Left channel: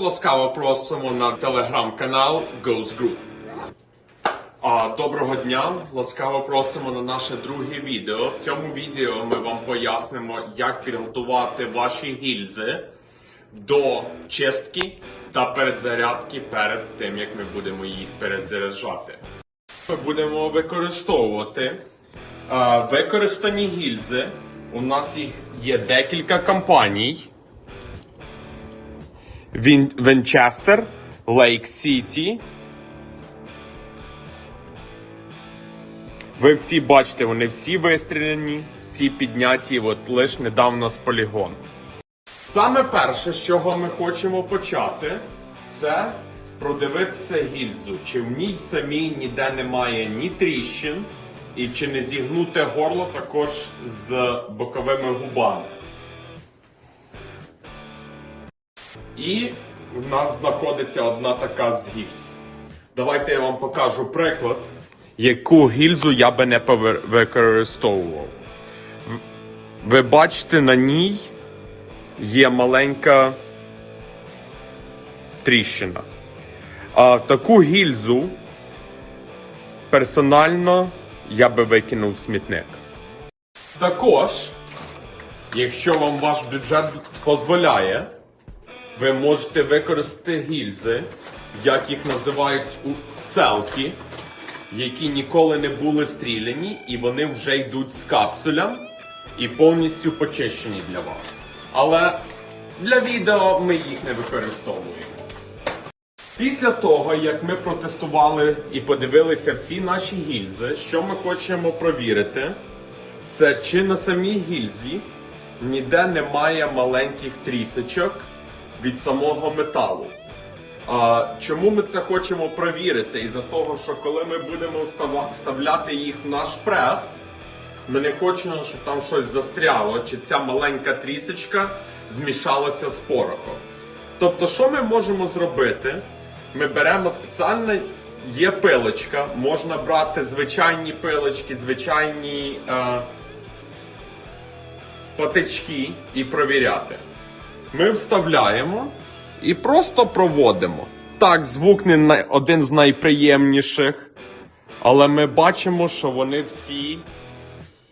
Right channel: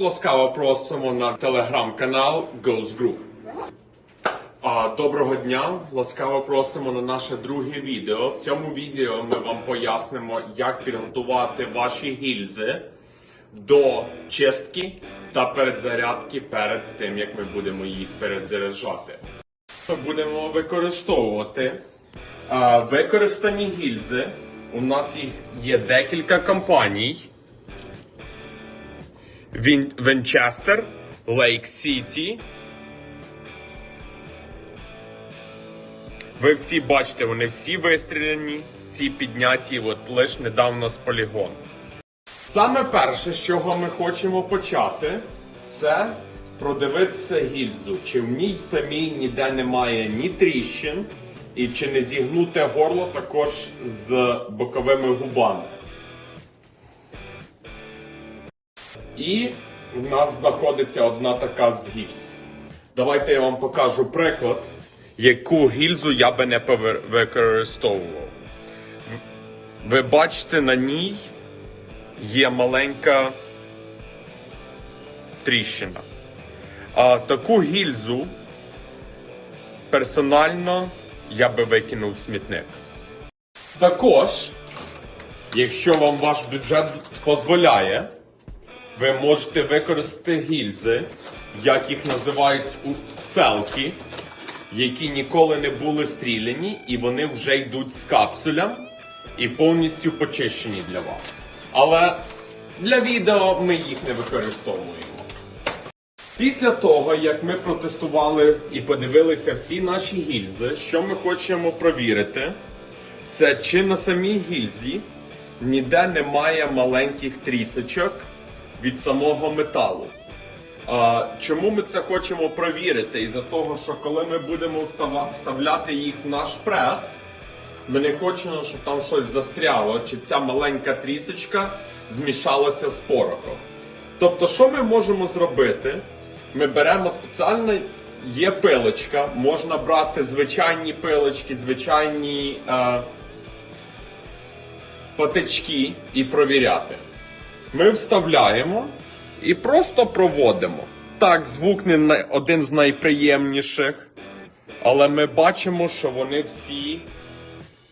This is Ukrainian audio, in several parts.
Ласкаво просимо на телеграм-канал Ghost Group. А, доброго дня! Ласкаво просимо на наше друге відео. В цьому відео ми вам пояснимо, як підготувати ваші гільзи до чистки та передзарядки перед тим, як ми будемо їх перезаряджати. Ми будемо використовувати а, використані гільзи. У нас їх є декілька компаній. Він Вінчестер, Лейк Сіті. Ви всі бачите, вони всі вистріляні, всі підняті от лише недавно з полігону. Саме перше, з чого ми хочемо почати, це продивитися гільзу. Чи в ній в самій ніде немає ні тріщин, і чи не зігнуте горло також з боковими губами. І в нас знаходиться одна така з гільз. Давайте я вам покажу приклад, яку гільзу я би не використовував. Ви бачите, на ній є маленька тріщина. А таку гільзу персонально я би викинув в смітник. Також, якщо вам ваш бюджет дозволяє, ви можете використати гільзи, як їх називають у целки, які ніколи не були стріляні, і вони вже йдуть з капсулем і повністю почищені для вас. Але для відео ми їх не використовуємо. Після того, як ми протестували і подивилися всі наші гільзи, що ми хочемо провірити, це чи на самій гільзі ніде немає маленьких трісочок від самого металу. А, чому ми це хочемо провірити? Із-за того, що коли ми будемо вставляти їх в наш прес, ми не хочемо, щоб там щось застряло, чи ця маленька трісочка змішалася з порохом. Тобто, що ми можемо зробити? Ми беремо спеціально, є пилочка, можна брати звичайні пилочки, звичайні е, патички і провіряти. Ми вставляємо і просто проводимо. Так, звук не один з найприємніших, але ми бачимо, що вони всі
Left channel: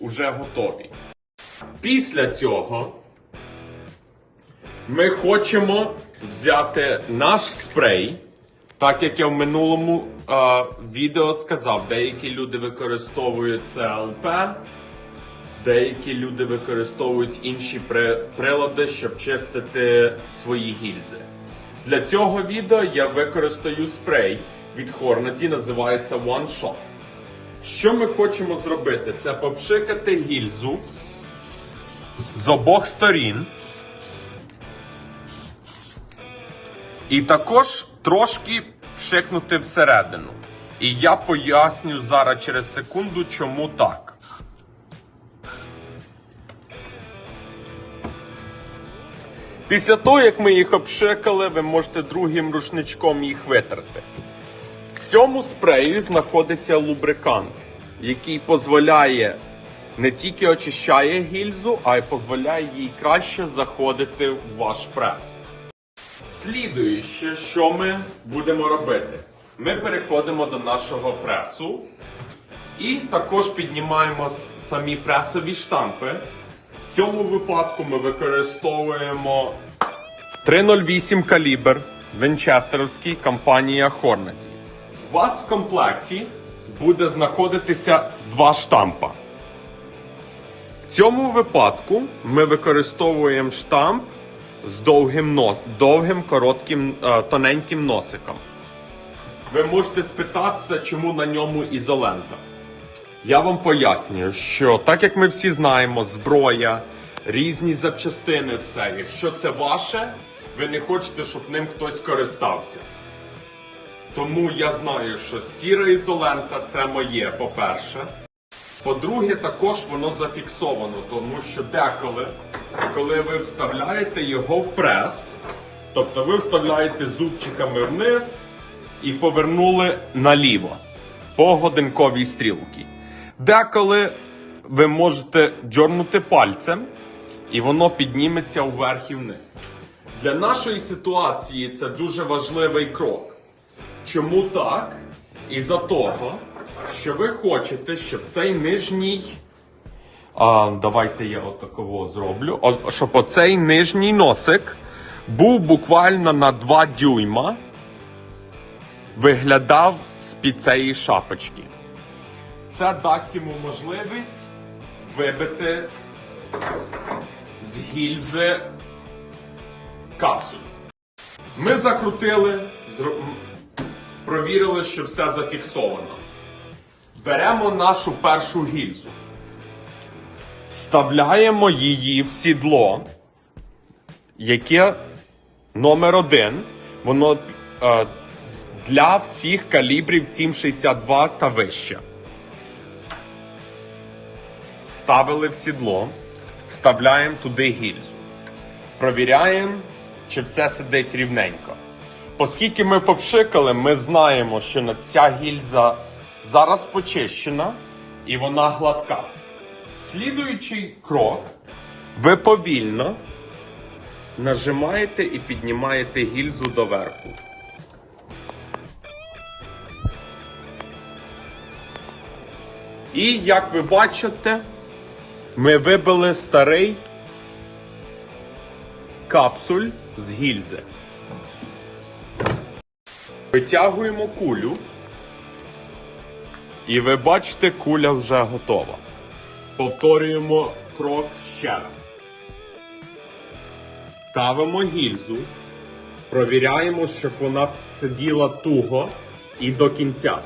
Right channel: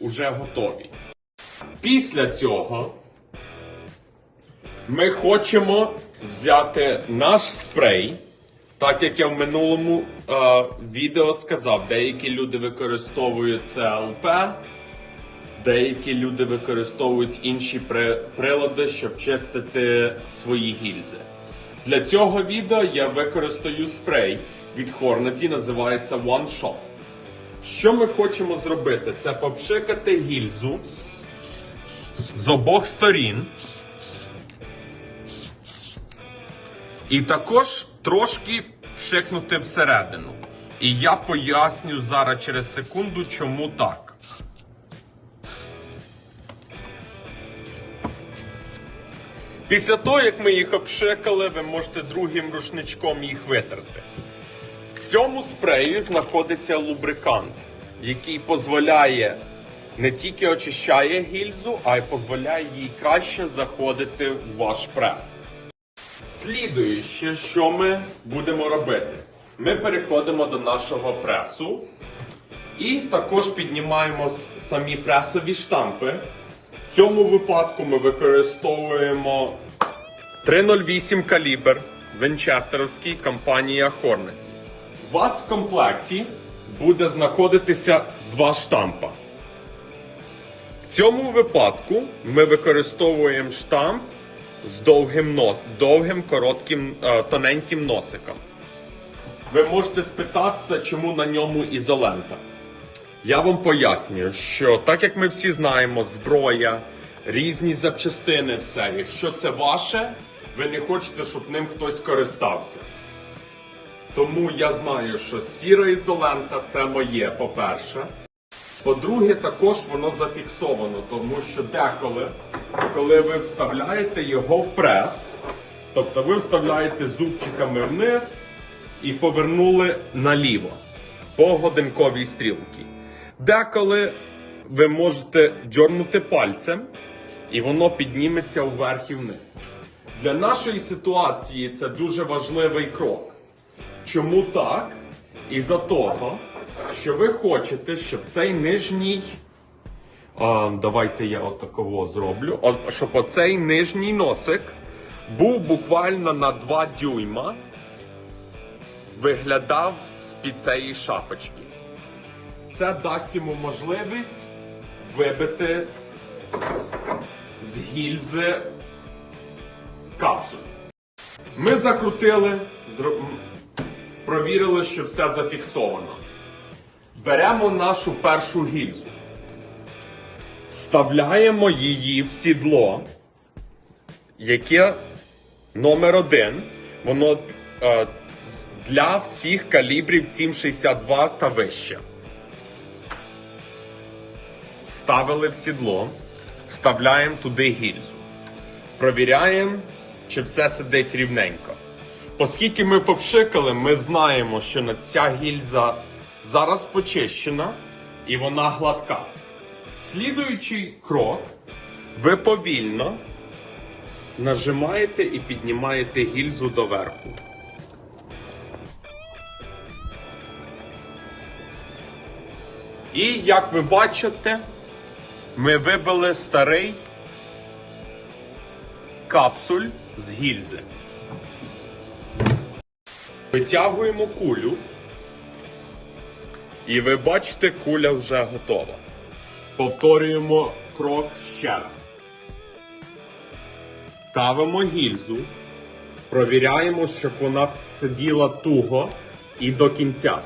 вже готові. Після цього ми хочемо взяти наш спрей. Так як я в минулому е, відео сказав, деякі люди використовують ЦЛП, деякі люди використовують інші при- прилади, щоб чистити свої гільзи. Для цього відео я використаю спрей від Hornady, називається One Shot. Що ми хочемо зробити? Це попшикати гільзу з обох сторін. І також трошки пшикнути всередину. І я поясню зараз через секунду, чому так. Після того, як ми їх обшикали, ви можете другим рушничком їх витерти. В цьому спреї знаходиться лубрикант, який дозволяє не тільки очищає гільзу, а й дозволяє їй краще заходити в ваш прес. Слідуюче, що ми будемо робити? Ми переходимо до нашого пресу і також піднімаємо самі пресові штампи. В цьому випадку ми використовуємо 308 калібр Вінчестерівський компанія Hornady. У вас в комплекті буде знаходитися два штампа. В цьому випадку ми використовуємо штамп з довгим нос, довгим, коротким, е, тоненьким носиком. Ви можете спитатися, чому на ньому ізолента. Я вам пояснюю, що так як ми всі знаємо, зброя, різні запчастини, все, якщо це ваше, ви не хочете, щоб ним хтось користався. Тому я знаю, що сіра ізолента це моє, по-перше. По-друге, також воно зафіксовано, тому що деколи, коли ви вставляєте його в прес, тобто ви вставляєте зубчиками вниз і повернули наліво по годинковій стрілці. Деколи ви можете дьорнути пальцем, і воно підніметься вверх і вниз. Для нашої ситуації це дуже важливий крок. Чому так? Із-за того, що ви хочете, щоб цей нижній. А, давайте я отаково зроблю. О, щоб оцей нижній носик був буквально на 2 дюйма виглядав з-під цієї шапочки. Це дасть йому можливість вибити з гільзи капсуль. Ми закрутили, зро- провірили, що все зафіксовано. Беремо нашу першу гільзу, вставляємо її в сідло, яке номер один. Воно е, для всіх калібрів 7,62 та вище. Ставили в сідло, вставляємо туди гільзу. Провіряємо, чи все сидить рівненько. Оскільки ми повшикали, ми знаємо, що ця гільза зараз почищена і вона гладка. Слідуючий крок, ви повільно нажимаєте і піднімаєте гільзу доверху. І як ви бачите, ми вибили старий капсуль з гільзи. Витягуємо кулю. І ви бачите, куля вже готова. Повторюємо крок ще раз. Ставимо гільзу, провіряємо, щоб вона сиділа туго і до кінця.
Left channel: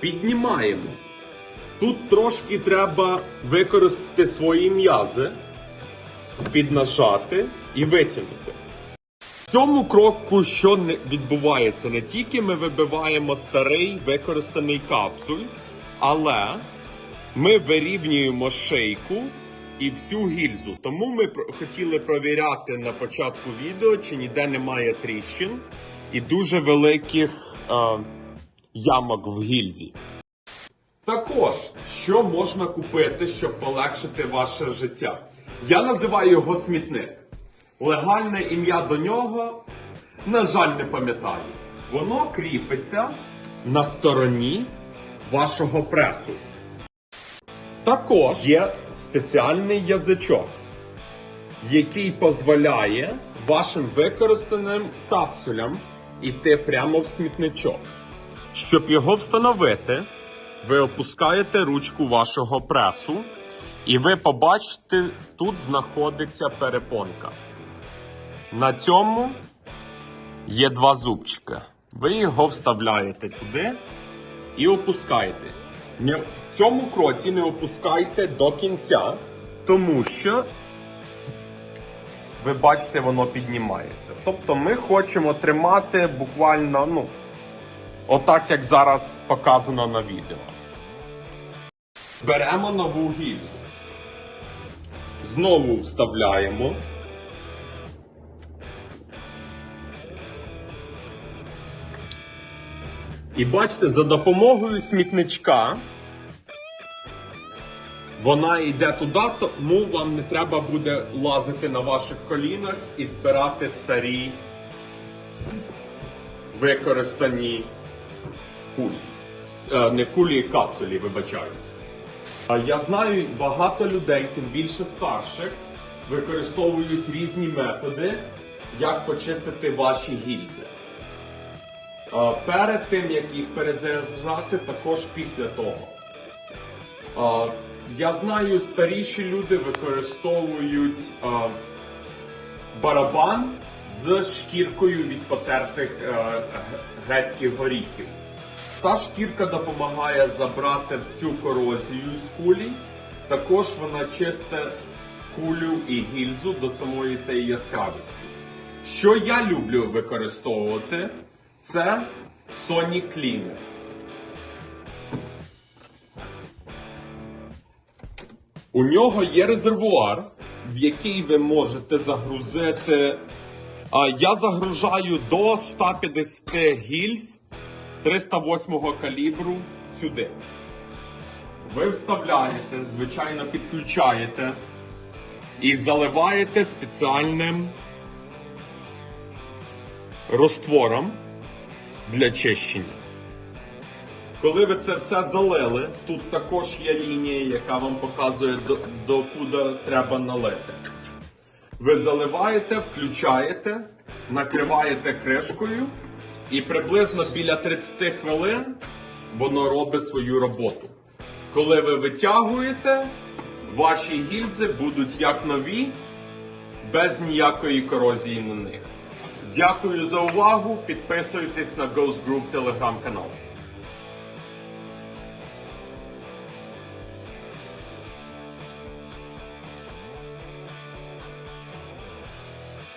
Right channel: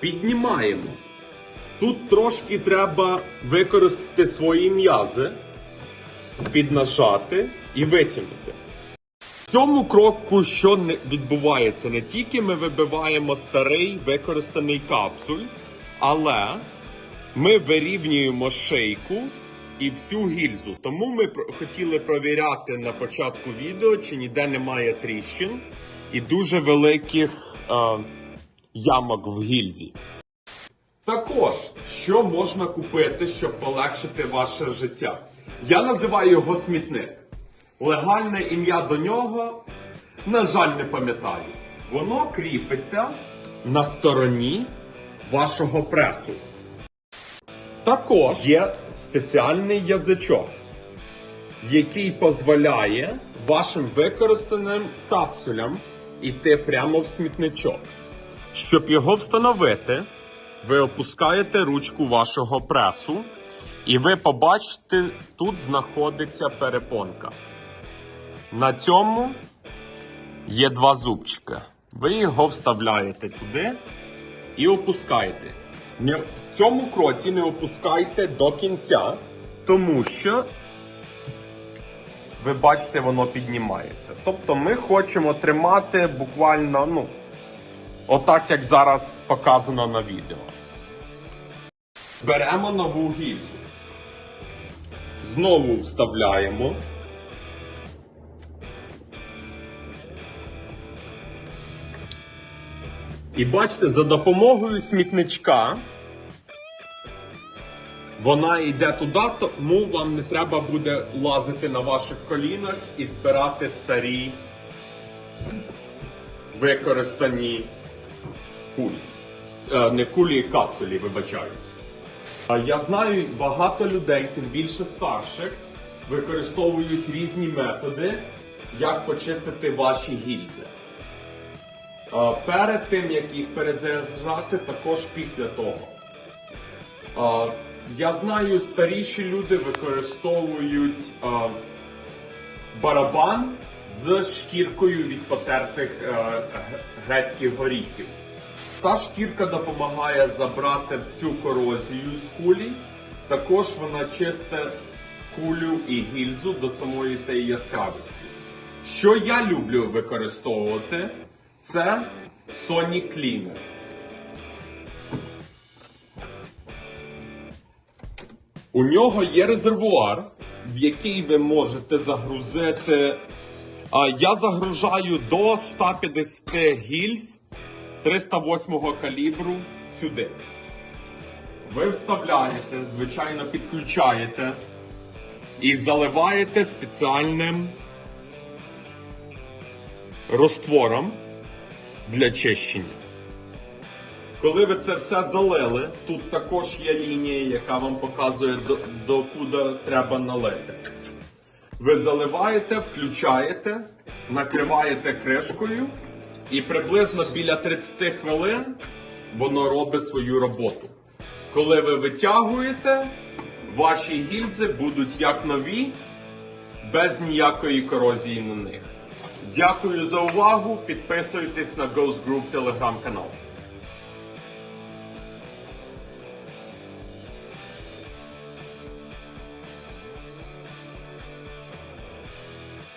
Піднімаємо. Тут трошки треба використати свої м'язи, піднажати і витягнути. В цьому кроку, що не відбувається, не тільки ми вибиваємо старий використаний капсуль, але ми вирівнюємо шийку і всю гільзу. Тому ми хотіли провіряти на початку відео, чи ніде немає тріщин і дуже великих е, ямок в гільзі. Також, що можна купити, щоб полегшити ваше життя? Я називаю його смітник. Легальне ім'я до нього, на жаль, не пам'ятаю. Воно кріпиться на стороні вашого пресу. Також є спеціальний язичок, який дозволяє вашим використаним капсулям йти прямо в смітничок. Щоб його встановити, ви опускаєте ручку вашого пресу, і ви побачите, тут знаходиться перепонка. На цьому є два зубчика. Ви його вставляєте туди і опускаєте. В цьому кроці не опускайте до кінця, тому що ви бачите, воно піднімається. Тобто ми хочемо тримати буквально, ну, отак, як зараз показано на відео. Беремо нову гільзу. Знову вставляємо. І бачите, за допомогою смітничка вона йде туди, тому вам не треба буде лазити на ваших колінах і збирати старі використані кулі. Е, не кулі, капсулі, вибачаюсь. Я знаю багато людей, тим більше старших, використовують різні методи, як почистити ваші гільзи. Е, Перед тим, як їх перезаряджати, також після того. Е, Я знаю, старіші люди використовують е, барабан з шкіркою від потертих е, грецьких горіхів. Та шкірка допомагає забрати всю корозію з кулі. Також вона чисте кулю і гільзу до самої цієї яскравості. Що я люблю використовувати, це Sonic Cleaner. У нього є резервуар, в який ви можете загрузити. Я загружаю до 150 гільз 308 калібру сюди. Ви вставляєте, звичайно, підключаєте і заливаєте спеціальним розтвором для чищення. Коли ви це все залили, тут також є лінія, яка вам показує до, до треба налити. Ви заливаєте, включаєте, накриваєте кришкою і приблизно біля 30 хвилин воно робить свою роботу. Коли ви витягуєте, ваші гільзи будуть як нові, без ніякої корозії на них. Дякую за увагу. Підписуйтесь на Ghost Group телеграм-канал.